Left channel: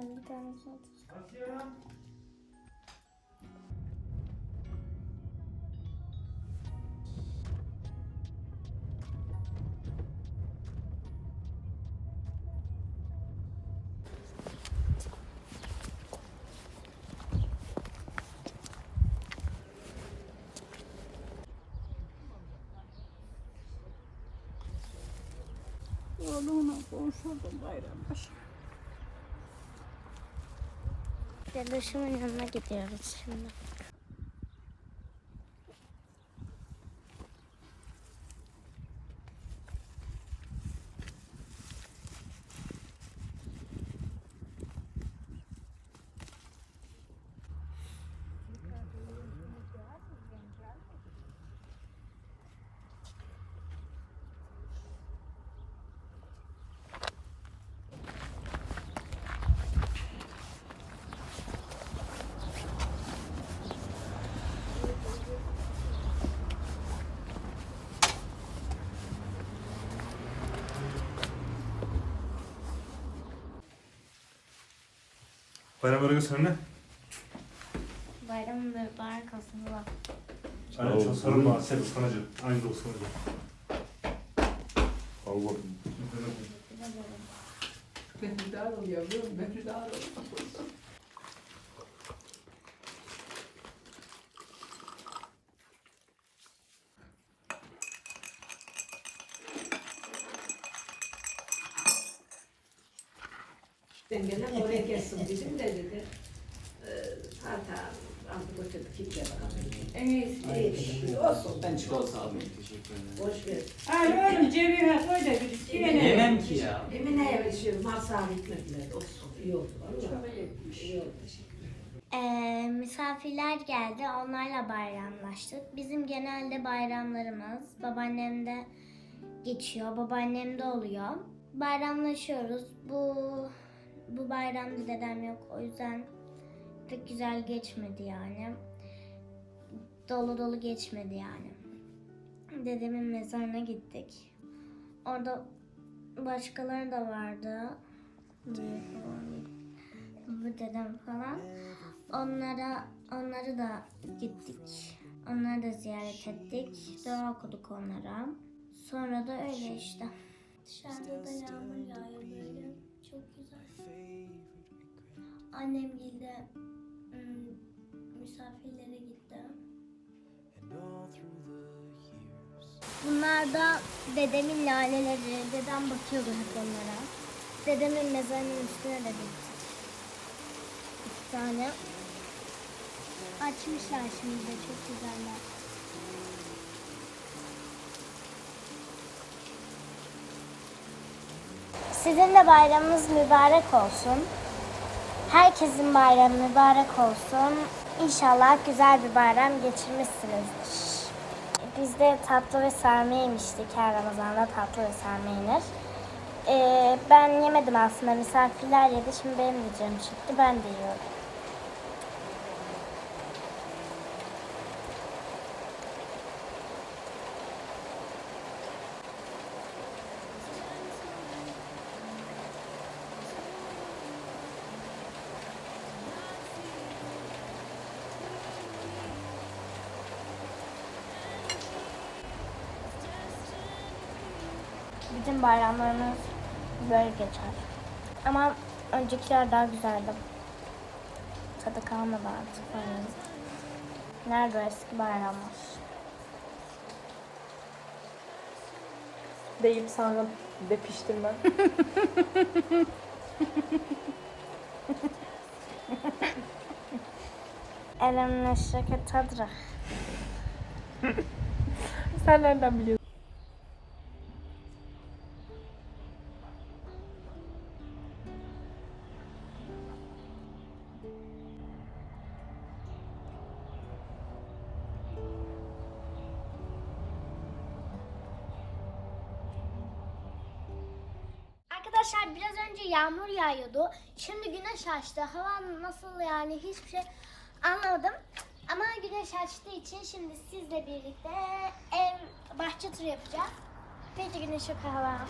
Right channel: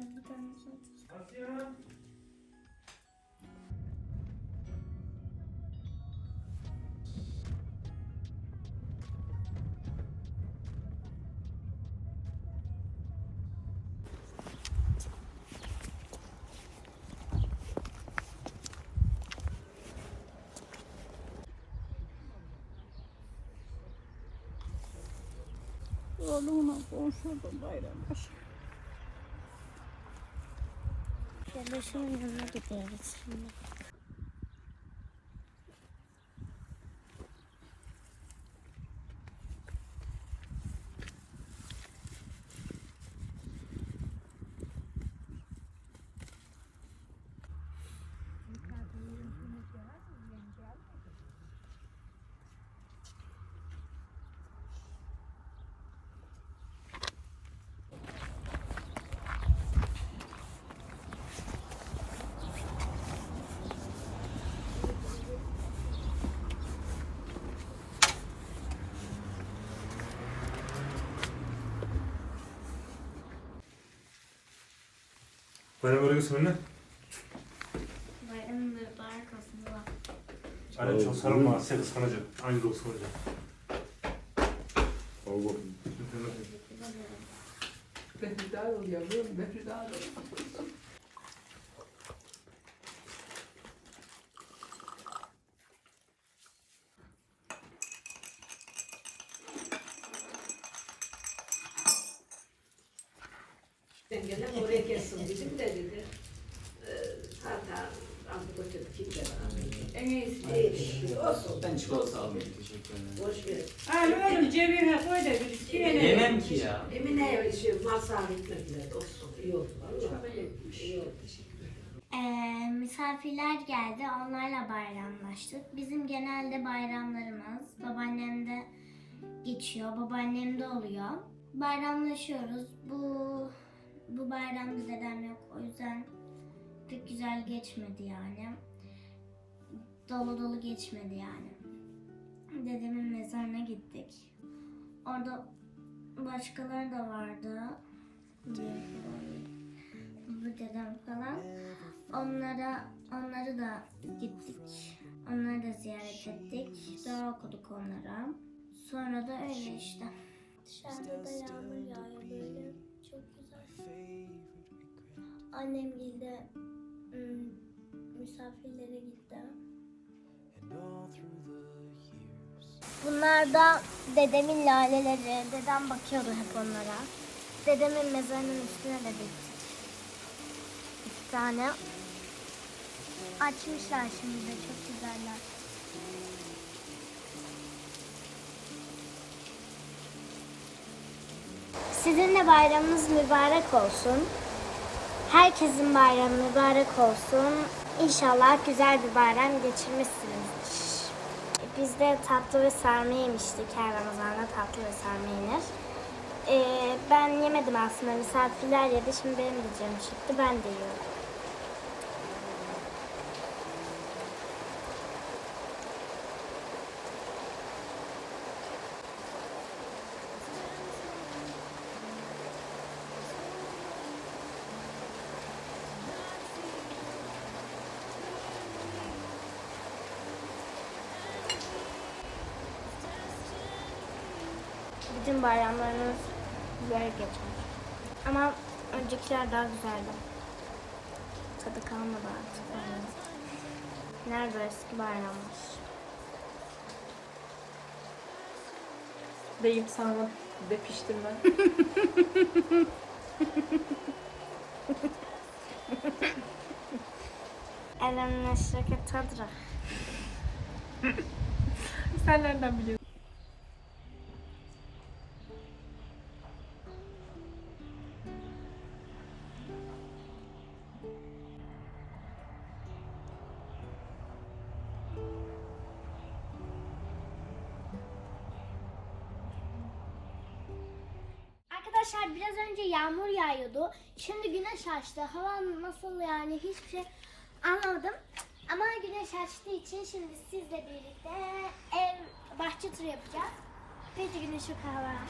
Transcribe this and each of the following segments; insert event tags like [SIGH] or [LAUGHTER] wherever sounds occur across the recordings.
Ben bir tane zaten. Oğlumla konuşurdum bayrambaşı. Dedeşimin yanına gidiyoruz şimdi. Bayram örgüsü önüne. Bayramın mübarek olsun baba. Aynen çok sarılma. Asya ısmaracı. Aynı da ısmaracı. Al bakayım. Mehrdar ol yavrum, mehrdar ol. Dengene [LAUGHS] oraya gelsin bizim de dedi. Ee, Zaten götürdü kimse bana. En iyisi. İyi, olsun. Ben çikolata almayayım teşekkür ederim. Boş ver. Ay oğlum cebime koy da bir iki tane. Yemem ki ya. Emine'ye şey masal etmediler. Olsun. İyi oldu. Vallahi. İyi oldu. Teşekkür ederim. Ee, misafirler geldi. Onlarla bayramlaştık. Bizim genelde bayramlarımız babaannemde geçiyor. Babaannemde oluyor. Bayramlaşıyoruz. Bu bu bayramda dedem yok. O yüzden pek güzel geçmedi yani. Dolu dolu geçmedi yani. Dedemin mezarına gittik. Orada başkaları da vardı. Bu dedem falan. Onlara onları da gittik. Onları da ziyaret ettik. Dua okuduk onlara. Sonra da öyle işte. Dışarıda da yağmur yağıyor böyle. Çok güzel. Annem de misafirlere gitti. Bunlar da dedemin laleleri. Dedem bakıyordu hep onlara. Dedemin mezarının üstüne de gittik. İki tane. Açmışlar şimdi çok güzeller. Sizin de bayramınız mübarek olsun. Herkesin bayramı mübarek olsun. İnşallah güzel bir bayram geçirmişsinizdir. Biz de tatlı ve sarma yemiştik. Her Ramazan'da tatlı ve sarma yenir. Ee, ben yemedim aslında. Misafirler yedi. Şimdi benim de canım çıktı. Ben de yiyorum. Bütün bayramlarımız böyle geçer. Ama öncekiler daha güzeldi. Tadı kalmadı artık. Yani. Nerede eski bayramlar? Deyip sonra de piştim ben. [LAUGHS] Elem neşreke tadra. Sen nereden biliyorsun? Arkadaşlar biraz önce yağmur yağıyordu. Şimdi güneş açtı. Hava nasıl yani hiçbir şey anlamadım. Ama güneş açtığı için şimdi sizle birlikte ev bahçe turu yapacağız. Peki güneş yok hava ama.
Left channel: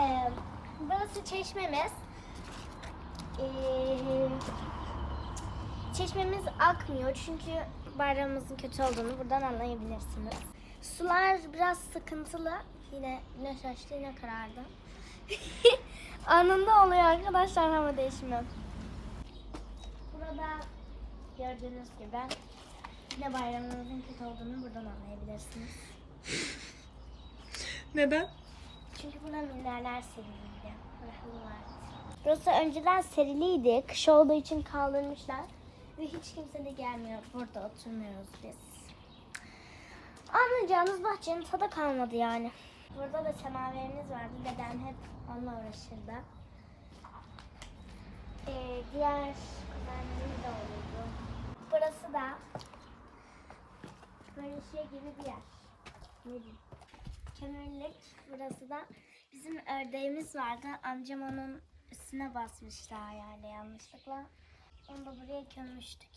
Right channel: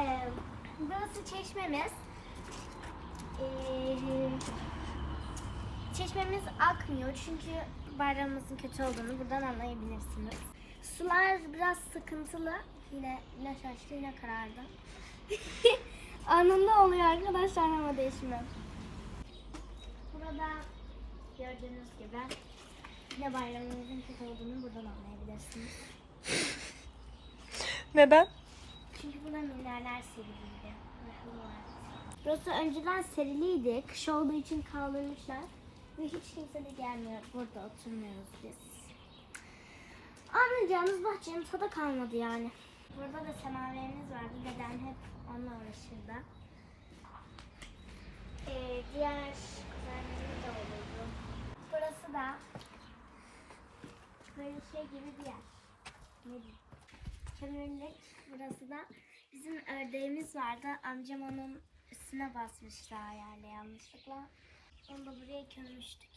Ee, burası çeşmemiz. Ee, çeşmemiz akmıyor çünkü bayramımızın kötü olduğunu buradan anlayabilirsiniz. Sular biraz sıkıntılı. Yine güneş açtı yine karardı. [LAUGHS] Anında oluyor arkadaşlar hava değişimi. Burada gördüğünüz gibi yine bayramımızın kötü olduğunu buradan anlayabilirsiniz. Neden? Çünkü buna minderler seriliydi. Burası önceden seriliydi. Kış olduğu için kaldırmışlar. Ve hiç kimse de gelmiyor. Burada oturmuyoruz biz. Anlayacağınız bahçenin tadı kalmadı yani. Burada da semaverimiz vardı. Deden hep onunla uğraşırdı. Ee, diğer güzellerimiz de oluyordu. Burası da böyle şey gibi bir yer. Ne diyeyim? kömürlük. Burası da bizim ördeğimiz vardı. Amcam onun üstüne basmıştı ayağıyla yanlışlıkla. Onu da buraya gömmüştük.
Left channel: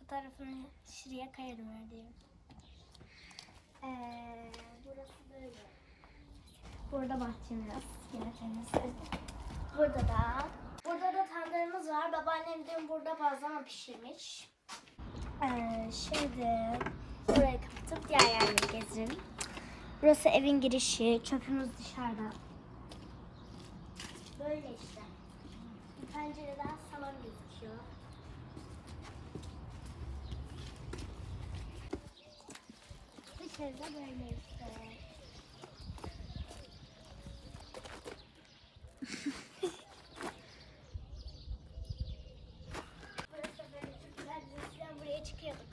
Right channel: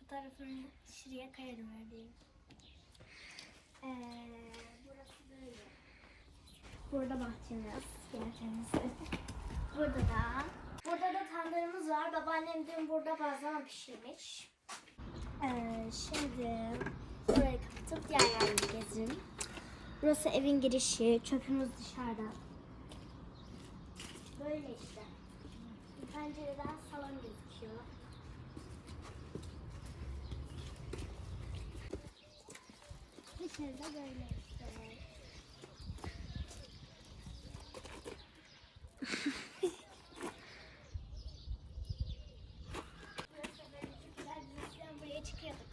Fotoğrafını şuraya kayarım ördeğim. Ee, burası böyle. Burada bahçemiz. Gibi. Burada da. Burada da tandırımız var. Babaannem dün burada bazlama pişirmiş. Ee, şimdi burayı kapatıp diğer yerleri gezelim. Burası evin girişi. Çöpümüz dışarıda. Böyle işte. Bir pencereden salon gözüküyor. Dışarıda böyle işte. Burası böyle çok güzel. Biz eskiden buraya çıkıyorduk.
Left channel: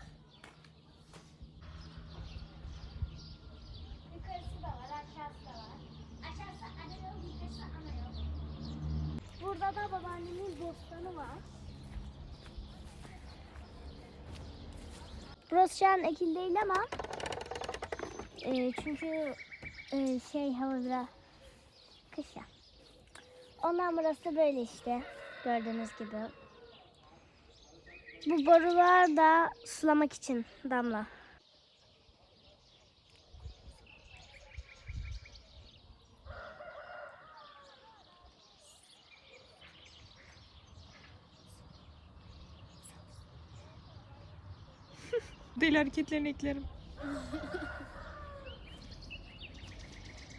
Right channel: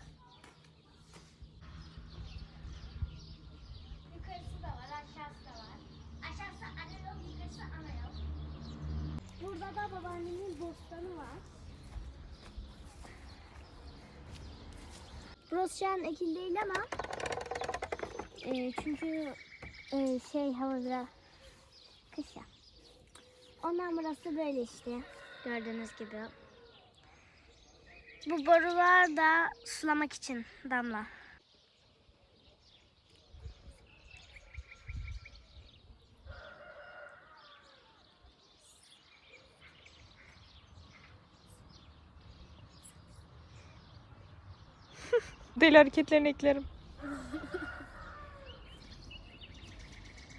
Yukarısı da var, aşağısı da var. Aşağısı ana yol, yukarısı ana yol. Burada da babaannemin bostanı var. Burası şu an ekil değil ama e, çünkü e, şey hava biraz kış ya. Ondan burası böyle işte gördüğünüz gibi. Bu borular da sulamak için damla. Deli hareketlerini eklerim. [LAUGHS]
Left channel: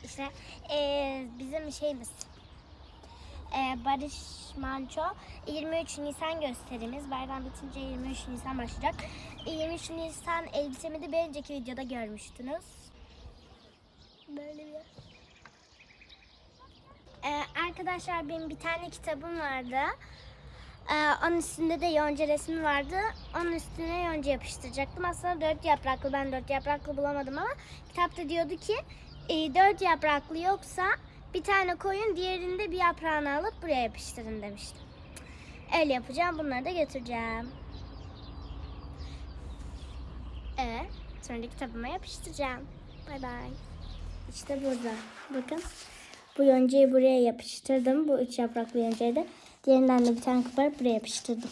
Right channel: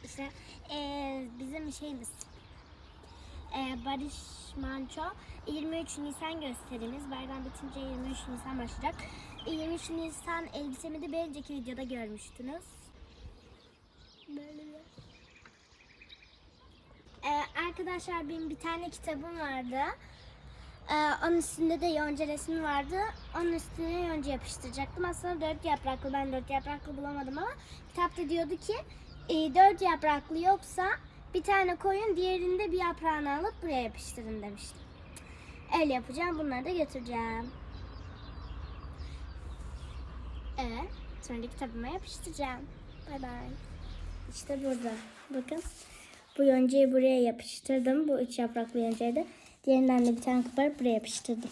İşte eee, bizim şeyimiz eee, Barış Manço 23 Nisan gösterimiz. Bayram bitince 23 Nisan başlayacak. E, 23 Nisan elbisemi de bir önceki videoda görmüştünüz. Böyle bir Eee, arkadaşlar benim bir tane kitabım vardı. Eee, onun üstünde de yonca resmi vardı. Onun üstüne yonca yapıştıracaktım. Aslında dört yapraklı. Ben dört yapraklı bulamadım ama kitapta diyordu ki e, dört yapraklı yoksa bir tane koyun diğerinde bir yaprağını alıp buraya yapıştırın demiştim. Öyle yapacağım. Bunları da götüreceğim. Evet. Sonra da kitabıma yapıştıracağım. Bay bay. İşte burada. Bakın. Bu yoncayı buraya yapıştırdım. Bu üç yapraklı yoncayı da. Diğerinden de bir tane koparıp buraya yapıştırdım.